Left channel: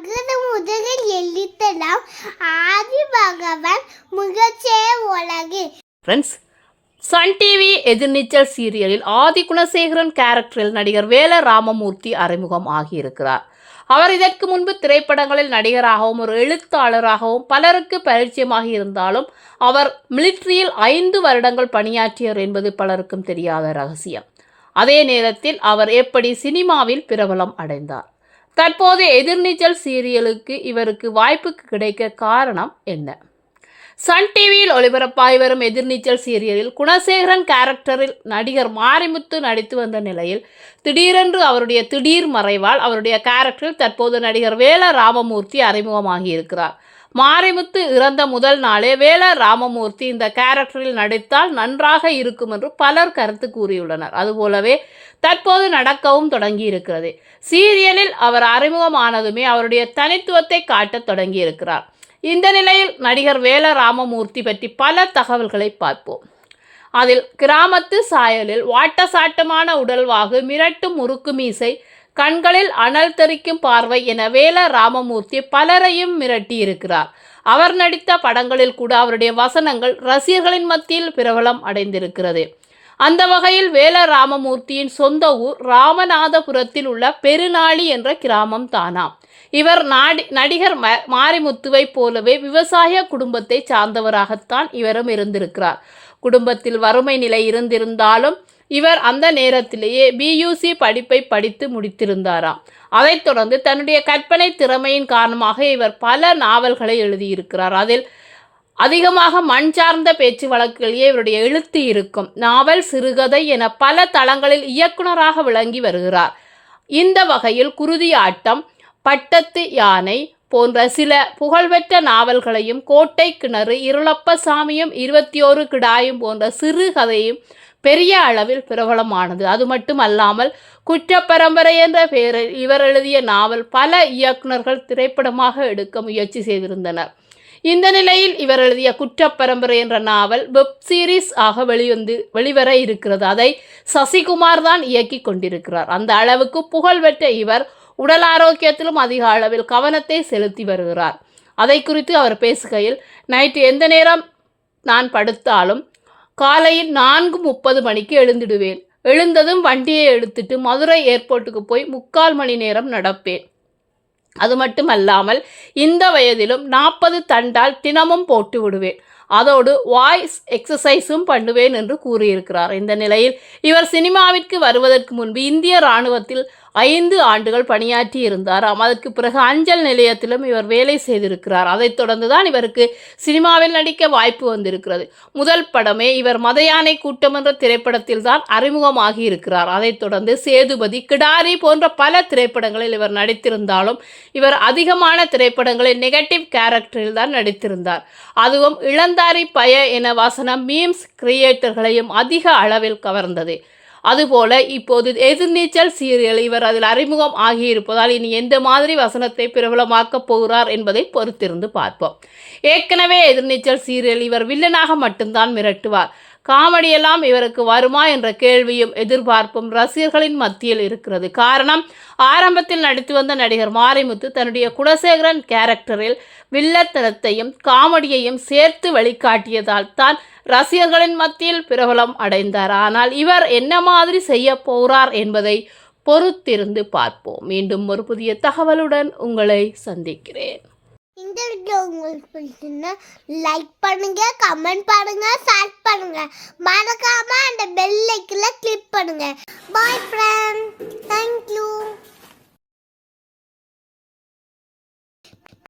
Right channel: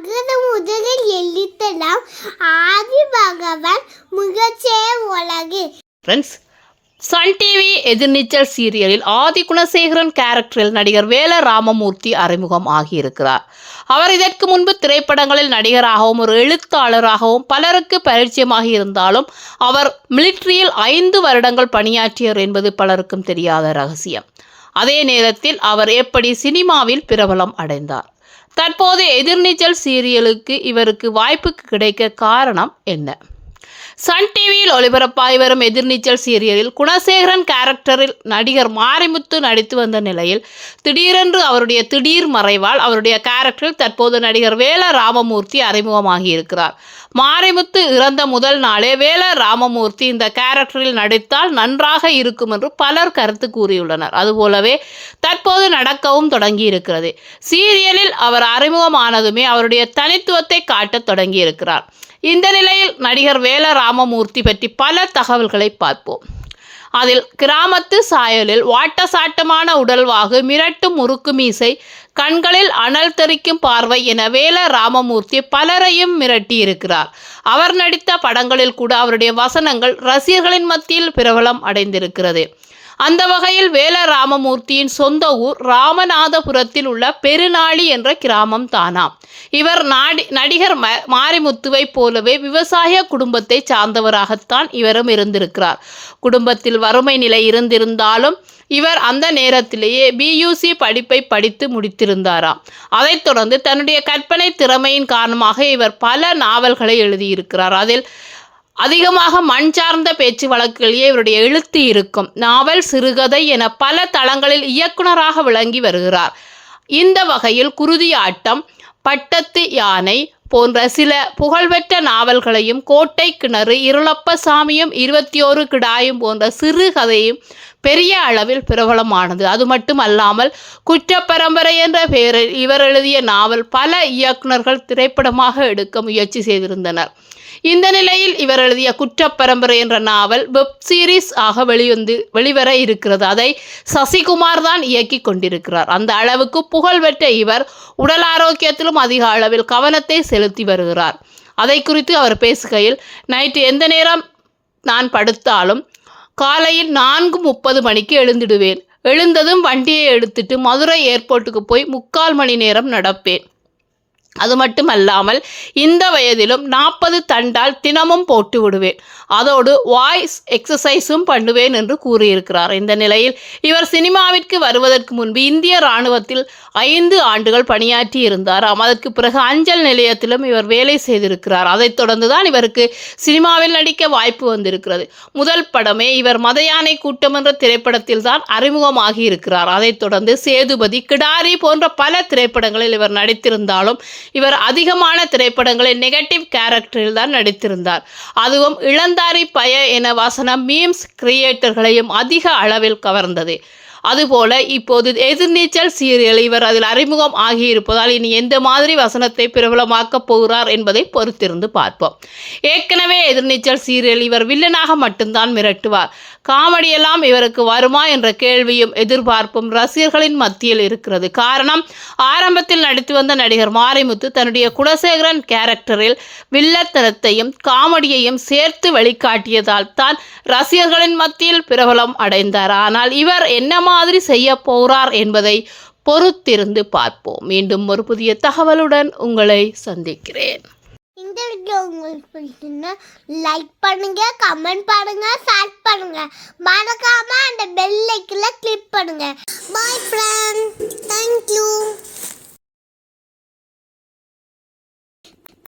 அகர முதலில் எழுத்தலாம் ஆதி பகவான் முகச்சே உலகு. ஃப்ரெண்ட்ஸ் சன் டிவி எதிர்நீச்சல் சீரியலில் ஆதி குணசேகரன் கேரக்டரில் நடிகர் வேல ராமமூர்த்தி அறிமுகம் ஆகியிருக்கிறார். அவர் இதற்கு முன்பு திரைப்படங்களில் நடிகராகவும் ஒரு எழுத்தாளராகவும் பலருக்கு பரிச்சயமாகி இருந்தாலும் அவர் மிலிட்ரியில் ஐந்து வருடங்கள் பணியாற்றியர் என்பது பலருக்கும் தெரியாத ரகசியம். அதே நேரத்தில் அவர் எப்படி சினிமாவில் பிரபலம் அடைந்தார்? தற்போது எதிர்நீச்சல் சீரியலுக்கு இவருக்கு வாய்ப்பு கிடைக்க காரணம் என்ன? சன் டிவியில் ஒளிபரப்பாகி வரும் எதிர்நீச்சல் சீரியலில் குணசேகரன் கேரக்டரில் நடிகர் மாரிமுத்து நடித்து வந்த நிலையில் திடீரென்று அவருடைய திடீர் மறைவால் அவருடைய கேரக்டரில் தற்போது நடிகர் வேல ராமமூர்த்தி அறிமுகமாகியிருக்கிறார் மாரிமுத்து இறந்த முதல் நாளே வேல ராமமூர்த்தி இந்த கேரக்டரில் நடித்தால் நன்றாக இருக்கும் என்று பலர் கருத்து கூறியுள்ளனர். அதுபோலவே தற்போது நடக்கவும் தொடங்கி இருக்கிறது சீரியலில் அவர் அறிமுகமானதுமே அவருடைய தனித்துவத்தை காட்டத் தொடங்கியிருக்கிறார். இந்த நிலையில் நடிகர் வேல ராமமூர்த்தி பற்றி பல தகவல்களை பார்ப்போம். அதில் கிராமத்து சாயலில் வாட்டசாட்டமான உடல்வாகு மிரட்டும் முறுக்கு மீசை கண்களில் அனல் தெறிக்கும் பார்வை என வேல ராமமூர்த்தி பலரையும் மிரட்டி இருக்கிறார் அவர் நடித்த படங்களில் கூட அவருடைய வசனங்கள் ரசிகர்களின் மத்தியில் பிரபலம் அடைந்திருக்கிறது. அந்த வகையில் வேல ராமமூர்த்தியின் சொந்த ஊர் ராமநாதபுரத்தில் உள்ள பெருநாளி என்ற கிராமம் தானாம் இவர் நாடி நடிகர் ம மாரிமுத்துவைப் போலவே விவசாய குடும்பத்தை சார்ந்தவராகத்தான் இவரும் இருந்திருக்கிறார். குடும்பத்தில் வறுமை நிலை இருந்திருந்தாலும் இவர் அந்த நேரத்திலேயே பியூசி படிப்பை படித்து முடித்திருந்தாராம். அதைத் தொடர்ந்து தன்னுடைய கற்பனை திறமையின் காரணமாக இவர் பல நாவல்களை எழுதியிருக்கிறார். அதில் அதிகமாக மண் சார்ந்த பேச்சு வழக்கிலேயே இவருடைய எழுத்து இருக்கும். நாவல் சிறுகதை என பல தளங்களில் இயக்குனராக விளங்கி வருகிறார். இந்த வகையில் குருதியாட்டம் பட்டத்து யானை போன்ற சில புகழ்பெற்ற நாவல்களையும் கோட்டை கிணறு இருளப்ப சாமியும் இருபத்தி ஓரு கிடாயும் போன்ற சிறுகதையும் பெரிய அளவில் பிரபலமானது. அது மட்டும் அல்லாமல் குற்றப்பரம்பரை என்ற பெயரில் இவர் எழுதிய நாவல் பல இயக்குனர்கள் திரைப்படமாக எடுக்க முயற்சி செய்திருந்தனர். இந்த நிலையில் இவர் எழுதிய குற்றப்பரம்பரை என்ற நாவல் வெப் சீரிஸ் ஆக வெளிவந்து வெளிவர இருக்கிறது. அதை சசிகுமார் தான் இயக்கி கொண்டிருக்கிறார். அந்த அளவுக்கு புகழ் பெற்ற இவர் உடல் ஆரோக்கியத்திலும் அதிக அளவில் கவனத்தை செலுத்தி வருகிறார். அதை குறித்து அவர் பேசுகையில் நைட்டு எந்த நேரம் நான் படுத்தாலும் காலையில் நான்கு முப்பது மணிக்கு எழுந்திடுவேன். எழுந்ததும் வண்டியை எடுத்துட்டு மதுரை ஏர்போர்ட்டுக்கு போய் முக்கால் மணி நேரம் நடப்பேன். அது மட்டுமல்லாமல் இந்த வயதிலும் நாற்பது தண்டால் தினமும் போட்டு விடுவேன். அதோடு வாய்ஸ் எக்ஸசைஸும் பண்ணுவேன் என்று கூறியிருக்கிறார். இந்த நிலையில் இவர் சினிமாவிற்கு வருவதற்கு முன்பு இந்திய இராணுவத்தில் ஐந்து ஆண்டுகள் பணியாற்றி இருந்தாராம் அதற்கு பிறகு அஞ்சல் நிலையத்திலும் இவர் வேலை செய்திருக்கிறார். அதைத் தொடர்ந்து தான் இவருக்கு சினிமாவில் நடிக்க வாய்ப்பு வந்திருக்கிறது. முதல் படமே இவர் மதயானை கூட்டம் என்ற திரைப்படத்தில் தான் அறிமுகமாகி இருக்கிறார். அதைத் தொடர்ந்து சேதுபதி கிடாரி போன்ற பல திரைப்படங்களில் இவர் நடித்திருந்தாலும் இவர் அதிகமான திரைப்படங்களில் நெகட்டிவ் கேரக்டரில் தான் நடித்திருந்தார். அதுவும் இளந்தாரி பய என வசனம் மீம்ஸ் கிரியேட்டர்களையும் அதிக அளவில் கவர்ந்தது. அதுபோல இப்போது எதிர்நீச்சல் சீரியல் இவர் அதில் அறிமுகம் ஆகியிருப்பதால் இனி எந்த மாதிரி வசனத்தை பிரபலமாக்கப் போகிறார் என்பதை பொறுத்திருந்து பார்ப்போம். ஏற்கனவே எதிர்நீச்சல் சீரியல் இவர் வில்லனாக மட்டும்தான் மிரட்டுவார். காமெடியெல்லாம் இவருக்கு வருமா என்ற கேள்வியும் எதிர்பார்ப்பும் ரசிகர்களின் மத்தியில் இருக்கிறது. காரணம் ஆரம்பத்தில் நடித்து வந்த நடிகர் மாரிமுத்து தன்னுடைய குலசேகரன் கேரக்டரில் வில்லத்தனத்தையும் காமெடியையும் சேர்த்து வெளிக்காட்டியதால் தான் ரசிகர்களின் மத்தியில் பிரபலம் அடைந்தார். ஆனால் இவர் என்னமா மாதிரி செய்ய போகிறார் என்பதை பொறுத்திருந்து பார்ப்போம். மீண்டும் ஒரு புதிய தகவலுடன் உங்களை சந்திக்கிறேன். இந்த வீடியோ உங்களுக்கு பிடிச்சிருந்தா லைக் பண்ணுங்க கமெண்ட் பண்ணுங்க ஷேர் பண்ணுங்க. மறக்காம அந்த பெல் ஐக்கில் கிளிக் பண்ணுங்க. பாய் ஃப்ரெண்ட் தேங்க்யூ